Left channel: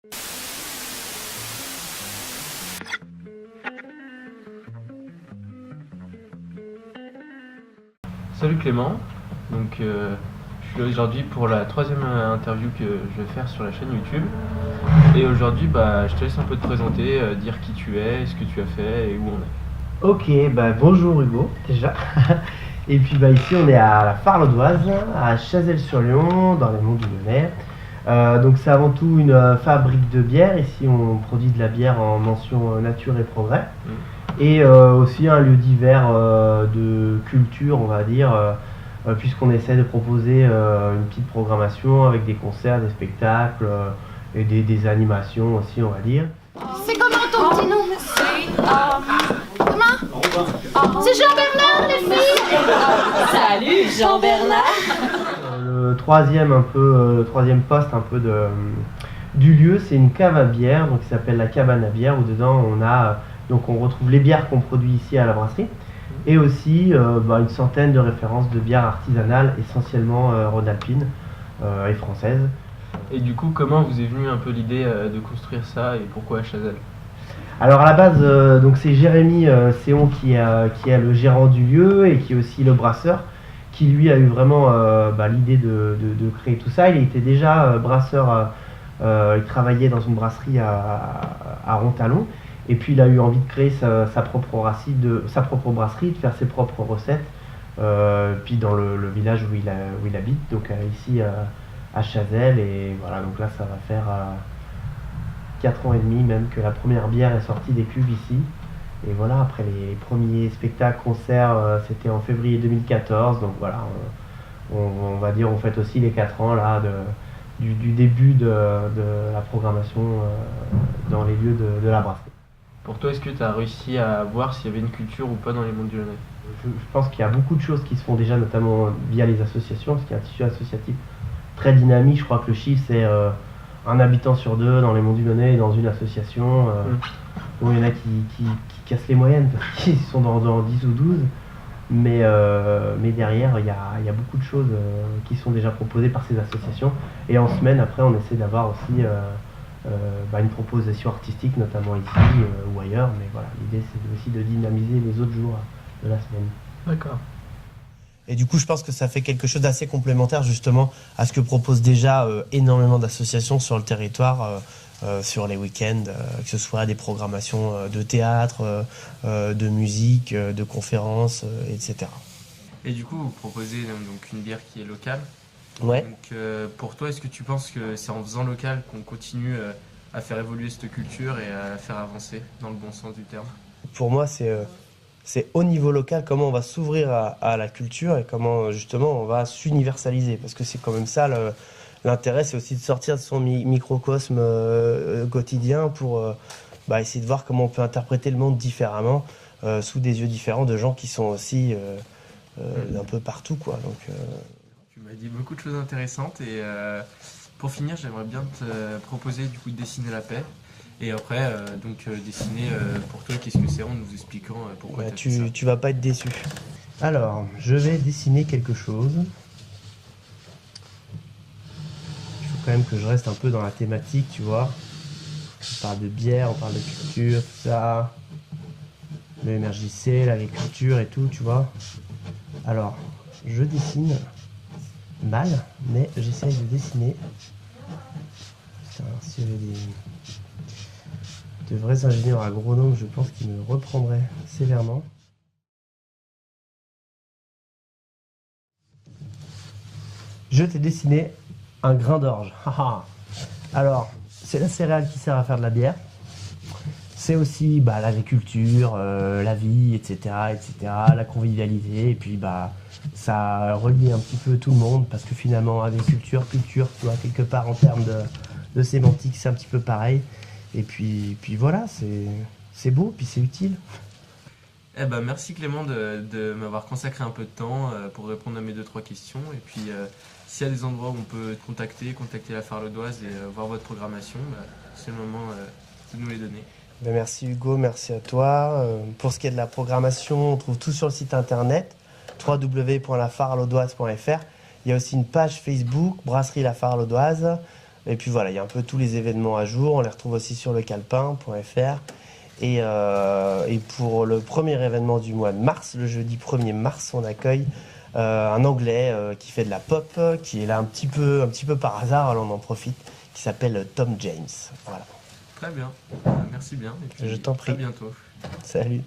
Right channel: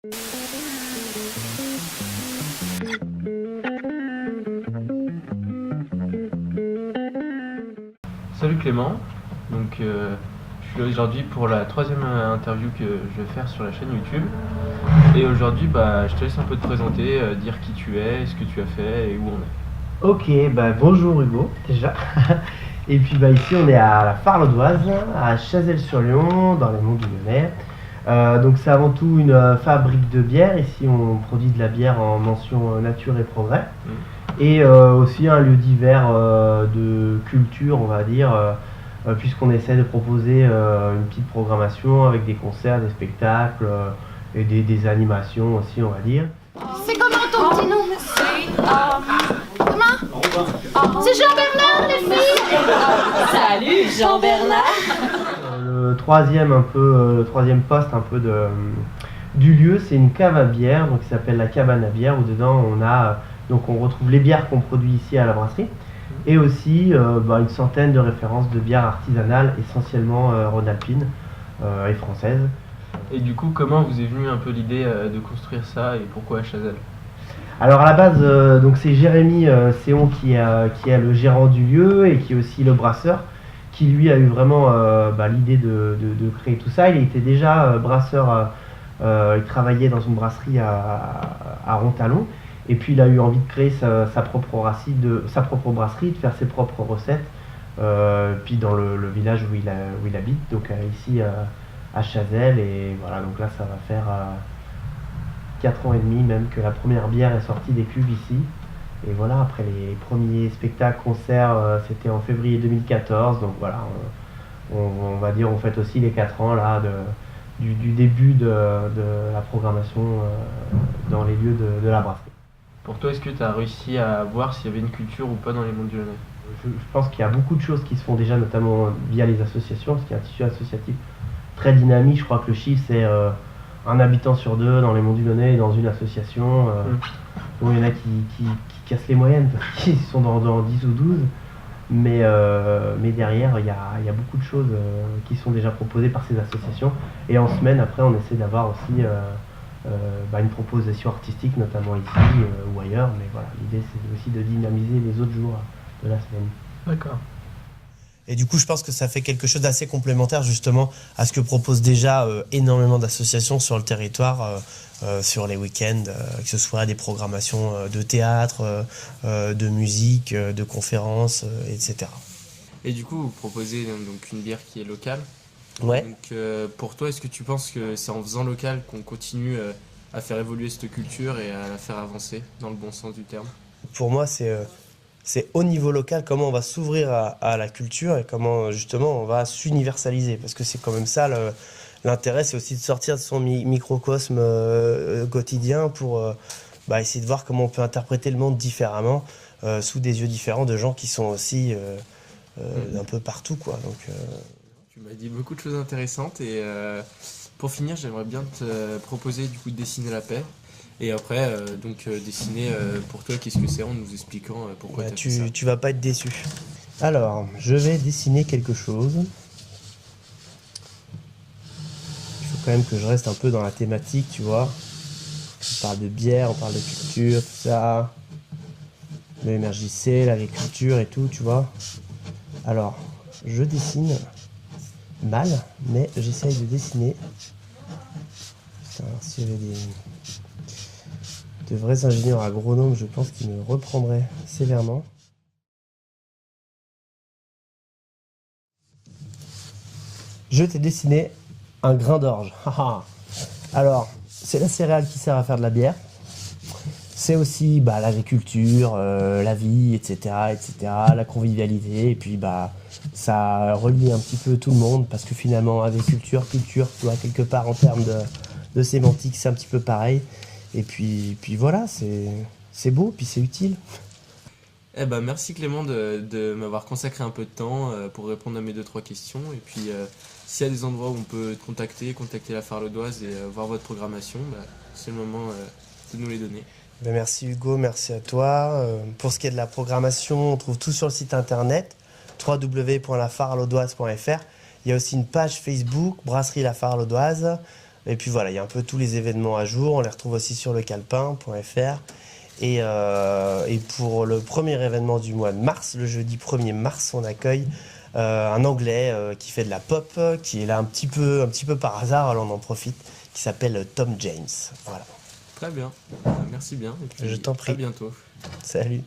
Salut Clément, donc je suis là aujourd'hui pour la troisième interview que je vais faire sur la chaîne YouTube. Et aujourd'hui, je te laisse un peu te présenter, dire qui tu es, ce que tu as fait et où on est. Ok, bonjour Hugo, déjà. Et puis ici on est à la Farlodoise, à Chazelles-sur-Lyon, dans les Monts du Lyonnais. Donc c'est avant tout une fabrique de bière. Ici on produit de la bière en mention nature et progrès. Et aussi un lieu divers de culture, on va dire, puisqu'on essaie de proposer une petite programmation avec des concerts, des spectacles et des animations aussi, on va dire. C'est comment ton petit nom? Comment? C'est Jean-Bernard, les filles! Salut, Jean-Bernard! Le troisième poste un peu du lieu, c'est une cave à bière, donc qui s'appelle la cabane à bière, où dedans on retrouve les bières qu'on produit ici à la brasserie, et aussi une centaine de références de bières artisanales, essentiellement rhône-alpines et françaises. Et du coup, comment vous est venue un peu l'idée de construire ça et pourquoi à Chazelles? Alors à la base, c'est Jérémy Séon qui est le gérant du lieu et qui est aussi le brasseur, qui lui a eu vraiment l'idée de créer tout ça. Il était déjà brasseur, il travaillait dans une brasserie à Rontalon, et puis il a eu envie de créer sa propre brasserie, de faire ses propres recettes, puis dans le village où il habite, donc ici à Chazelles, et voilà, donc là ça va faire 4 ans et demi même que la première bière est sortie des cuves ici. Et voilà, après les premiers spectacles, concerts, c'était en février 2014. Donc voilà, on va dire, on fête aussi les 4 ans là, du début de la programmation dans les lieux de la brasserie. Pour toi, est-ce que tu as réussi à voir s'il y avait une culture ou pas dans les Monts du Lyonnais? Je pense qu'il y a beaucoup de choses qui se font déjà, notamment via les associations, parce qu'il y a un tissu associatif très dynamique. Je crois que le chiffre, c'est un habitant sur deux dans les Monts du Lyonnais dans une association. Bon, il y en a qui cassent les moyennes parce qu'ils sont dans 10 ou 12, mais derrière il y a beaucoup de choses qui sont déjà proposées par ces associations, et en semaine après on essaie d'avoir aussi une proposition artistique, notamment ici ou ailleurs, mais voilà, l'idée c'est aussi de dynamiser les autres jours de la semaine. D'accord. Et du coup, je pense que ça fait quelque chose d'assez complémentaire justement à ce que proposent déjà énormément d'associations sur le territoire, sur les week-ends, que ce soit des programmations de théâtre, de musique, de conférences, etc. Et du coup, vous proposez donc une bière qui est locale. Ouais. Donc pour toi, est-ce que tu penses que c'est en faisant local qu'on continue à faire évoluer cette culture et à la faire avancer dans le bon sens du terme? Pour moi, c'est au niveau local comment on va s'ouvrir à la culture et comment justement on va s'universaliser. Parce que c'est quand même ça l'intérêt, c'est aussi de sortir de son microcosme quotidien pour essayer de voir comment on peut interpréter le monde différemment, sous des yeux différents de gens qui sont aussi un peu partout, quoi. Donc, Tu m'as dit beaucoup de choses intéressantes et pour finir, j'aimerais bien te proposer du coup de dessiner la paix. Et après, dessiner pour toi, qu'est-ce que c'est, en nous expliquant pourquoi tu as fait ça. tu vas pas être déçu. Alors, je vais dessiner quelque chose. Il faut quand même que je reste un peu dans la thématique, tu vois. On parle de bière, on parle de culture, tout ça. Le MRJC, l'agriculture et tout, tu vois. Alors, je dessine mal, mais j'essaye de dessiner. Putain, si j'avais de vrais ingénieurs agronomes, je pense qu'ils me reprendraient sévèrement. Je t'ai dessiné un grain d'orge. Alors, c'est la céréale qui sert à faire de la bière. C'est aussi l'agriculture, la vie, etc., la convivialité. Et puis, ça relie un petit peu tout le monde parce que finalement, agriculture, culture, tu vois, quelque part en termes de sémantique, c'est un petit peu pareil. Et puis voilà, c'est beau, puis c'est utile. Eh ben, merci Clément de m'avoir consacré un peu de temps pour répondre à mes 2-3 questions. Et puis, s'il y a des endroits où on peut te contacter la Farlodoise et voir votre programmation, c'est le moment de nous les donner. Merci Hugo, merci à toi. Pour ce qui est de la programmation, on trouve tout sur le site internet www.lafarlodoise.fr. Il y a aussi une page Facebook, Brasserie La Farlodoise. Et puis voilà, il y a un peu tous les événements à jour. On les retrouve aussi sur lecalpin.fr. Et pour le premier événement du mois de mars, le jeudi 1er mars, on accueille un Anglais qui fait de la pop, qui est là un petit peu par hasard, alors on en profite, qui s'appelle Tom James. Voilà. Très bien, merci bien. Et puis, Je t'en prie. À bientôt. Salut.